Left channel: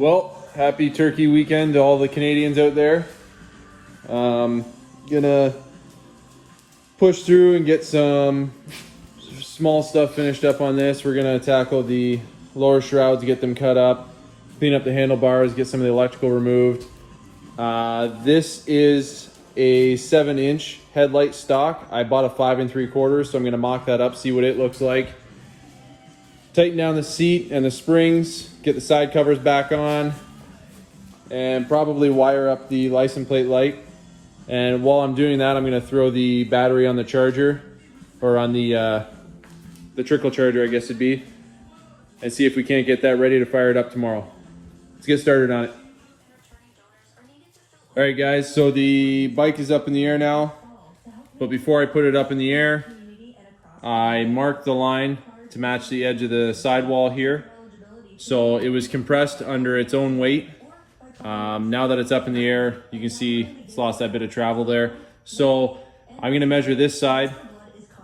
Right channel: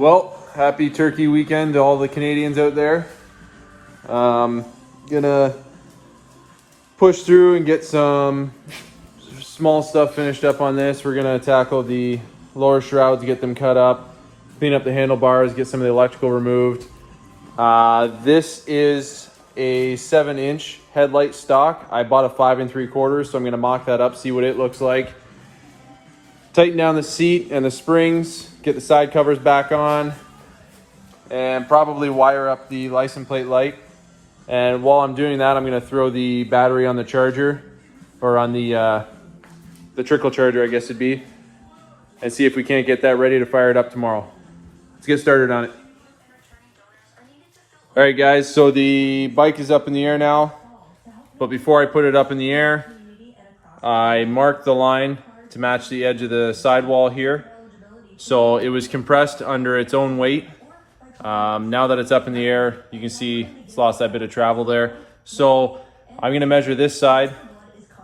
Well, happy turkey weekend to all the Canadians out there. Gonna push through and get some small stuff finished up on this. We're gonna tackle the lower shrouds, get them cut up, clean up the handlebars, get some of the electrical removed. This is a 7-inch headlight stock. I bought a 5 3/4, so I'm gonna mock that up, see what it looks like. Tighten down the seat and the springs, get the side covers back on, and probably wire up the license plate light. And while I'm doing that, I'm gonna throw the battery on the charger, or on the trickle charger, I guess it'd be, and see if we can't get that ready to fire it up tomorrow. Let's get started on it. All right, guys, so the bike is up in the air now, but before I put it up in the air, I marked the line to match the edge of the sidewall here. So it was compressed under its own weight. Now that it's up in the air, you can see it's lost that bit of travel there. So I'm gonna measure this side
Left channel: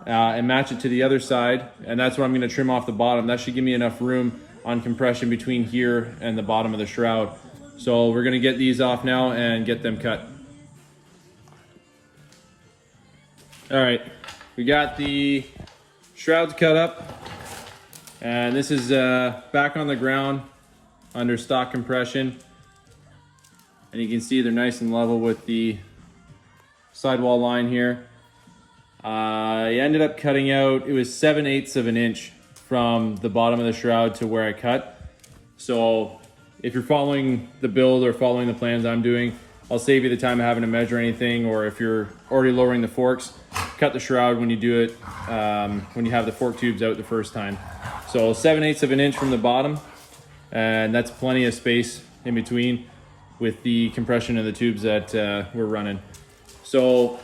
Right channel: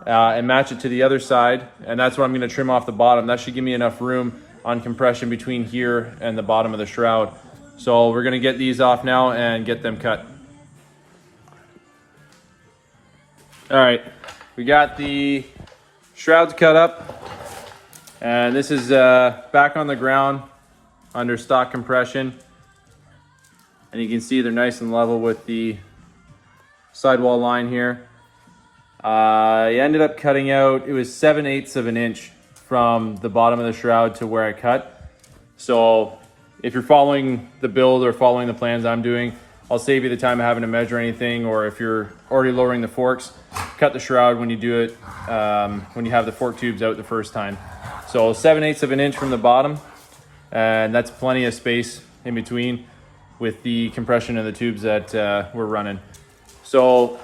and match it to the other side, and that's what I'm gonna trim off the bottom. That should give me enough room on compression between here and the bottom of the shroud. So we're gonna get these off now and get them cut. All right, we got the shrouds cut up, and this is back on the ground under stock compression. And you can see they're nice and level with the sidewall line here. I ended up cutting out, it was 7/8 of an inch from the bottom of the shroud to where I cut. So if you're following the build or following the plans I'm doing, I'll save you the time of having to measure anything, or if you're already lowering the forks, cut the shroud when you do it, when you have the fork tubes out the first time. So 7/8 of an inch from the bottom, and that's plenty of space in between with the compression of the tubes that we're running. So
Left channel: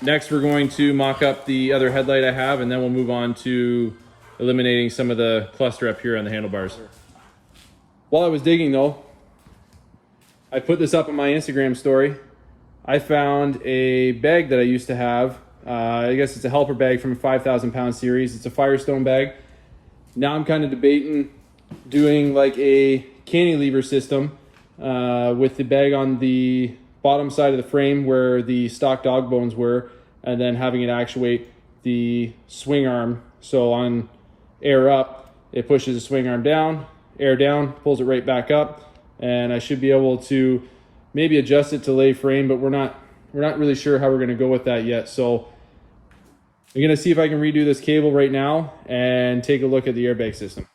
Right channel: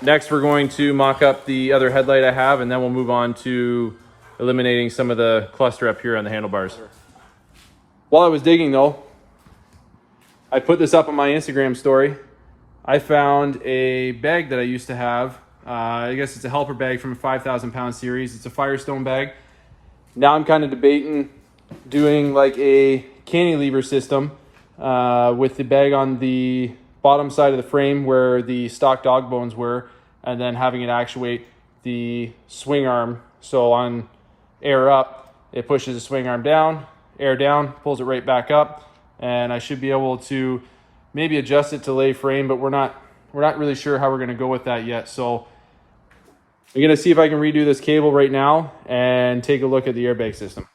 next we're going to mock up the other headlight I have, and then we'll move on to eliminating some of the cluster up here on the handlebars. While I was digging though, I put this up on my Instagram story. I found a bag that I used to have. I guess it's a helper bag from a 5,000 pound series. It's a Firestone bag. Now I'm kind of debating doing like a cantilever system with the bag on the bottom side of the frame where the stock dog bones were, and then having it actuate the swing arm. So on air up, it pushes the swing arm down, air down, pulls it right back up, and I should be able to maybe adjust it to lay frame, but we're not really sure how we're gonna go with that yet. So I'm gonna see if I can redo this cable right now and take a look at the airbag system.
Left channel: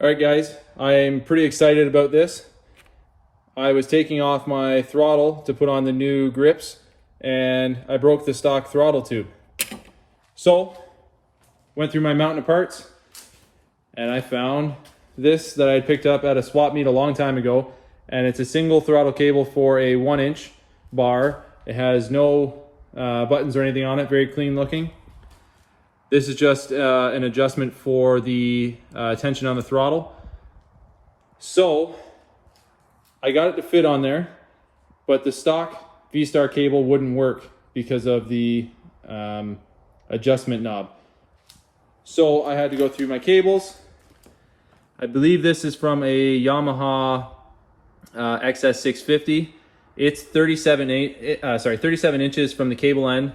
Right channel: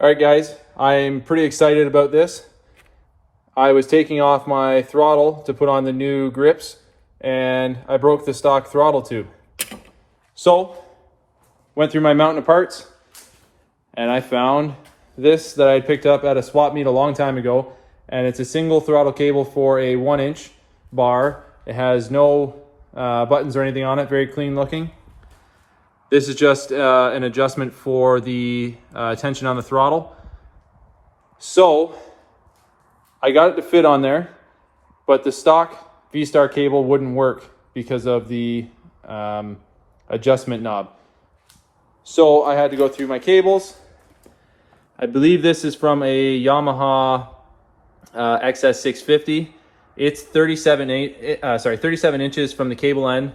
All right, guys, I'm pretty excited about this. I was taking off my throttle to put on the new grips, and I broke the stock throttle tube. So went through my mountain of parts, and I found this that I picked up at a swap meet a long time ago, and it's a single throttle cable for a 1-inch bar. It has no buttons or anything on it, very clean looking. This is just an adjustment for the tension on the throttle. So I got it to fit on there, but the stock V-Star cable wouldn't work because of the adjustment knob. So I had to go through my cables. I believe this is from a Yamaha XS650. It's 37 inches from the cable end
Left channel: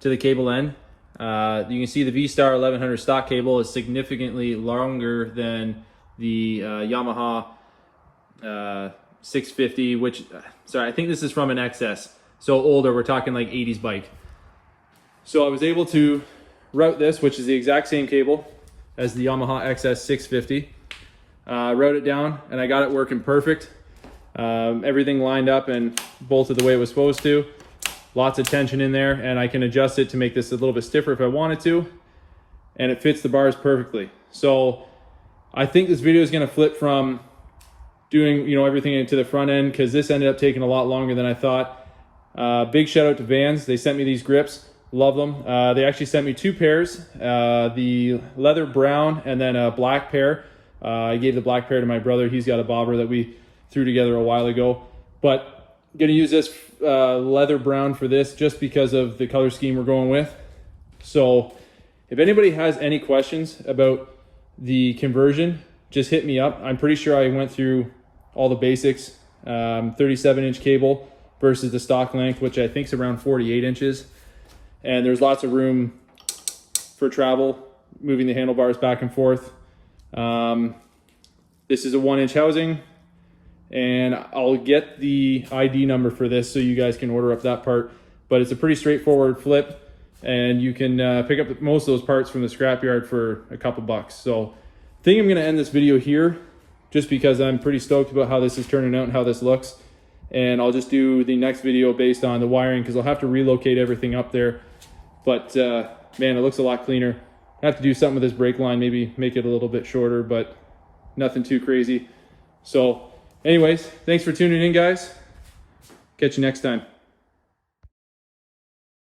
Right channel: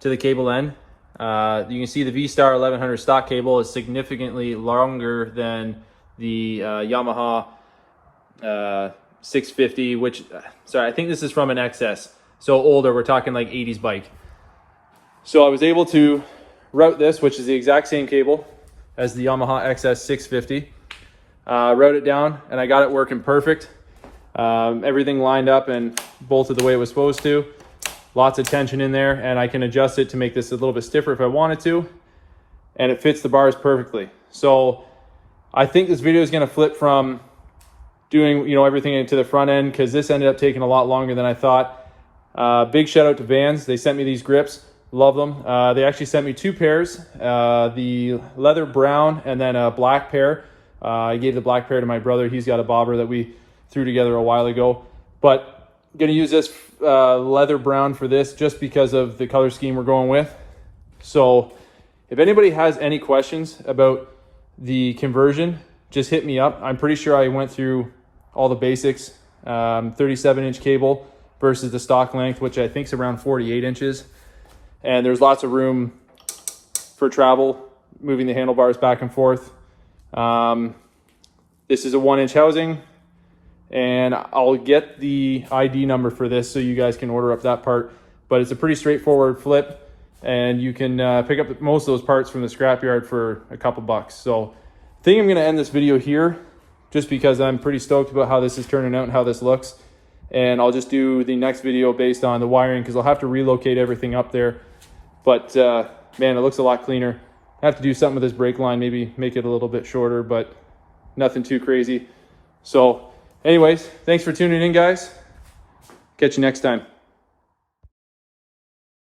to the cable end. You can see the V-Star 1100 stock cable is significantly longer than the Yamaha 650, which, I think this is from an XS. So older, we're talking like 80s bike. So I was able to route this, which is the exact same cable as the Yamaha XS 650. Route it down, and I got it working perfect. Everything lined up and bolted the way it was supposed to. Lots of tension in there, and I can adjust it to make this a little bit stiffer if I wanted to, and it fits the bars perfectly. So I think this video is going to flip from doing everything into the front end, because this ended up taking a lot longer than I thought. Big shout out to Vans. They sent me these grips. Love them. They actually sent me 2 pairs, the leather brown and then a black pair. I gave the black pair to my brother. He's got a bobber that we threw together a while ago, but gonna use this leather brown for this just because of the color scheme we're going with. So if anybody has any questions about the conversion, just hit me up. I'm pretty sure I went through all the basics. 37-inch cable versus the stock length, which I think is around 48 inches. And there's lots of room for travel, moving the handlebars back and forth. This is a 1-inch housing, and I'll get the ID number for this so you guys can order up that part. But it's a pretty straightforward flip, and you can pick up most of those parts from the scrapyard for a couple bucks. So I think I'm gonna end this video here, just because I'm pretty stoked about how this is turning out and how this looks. And I'll just do the next video based on the wiring, because I'll have to relocate everything up there. But man, it looks a lot cleaner. I have to do something with this brake line, maybe make it a little bit shorter, but nothing too crazy. So anyways, thanks for tuning in, guys. Catch you next time.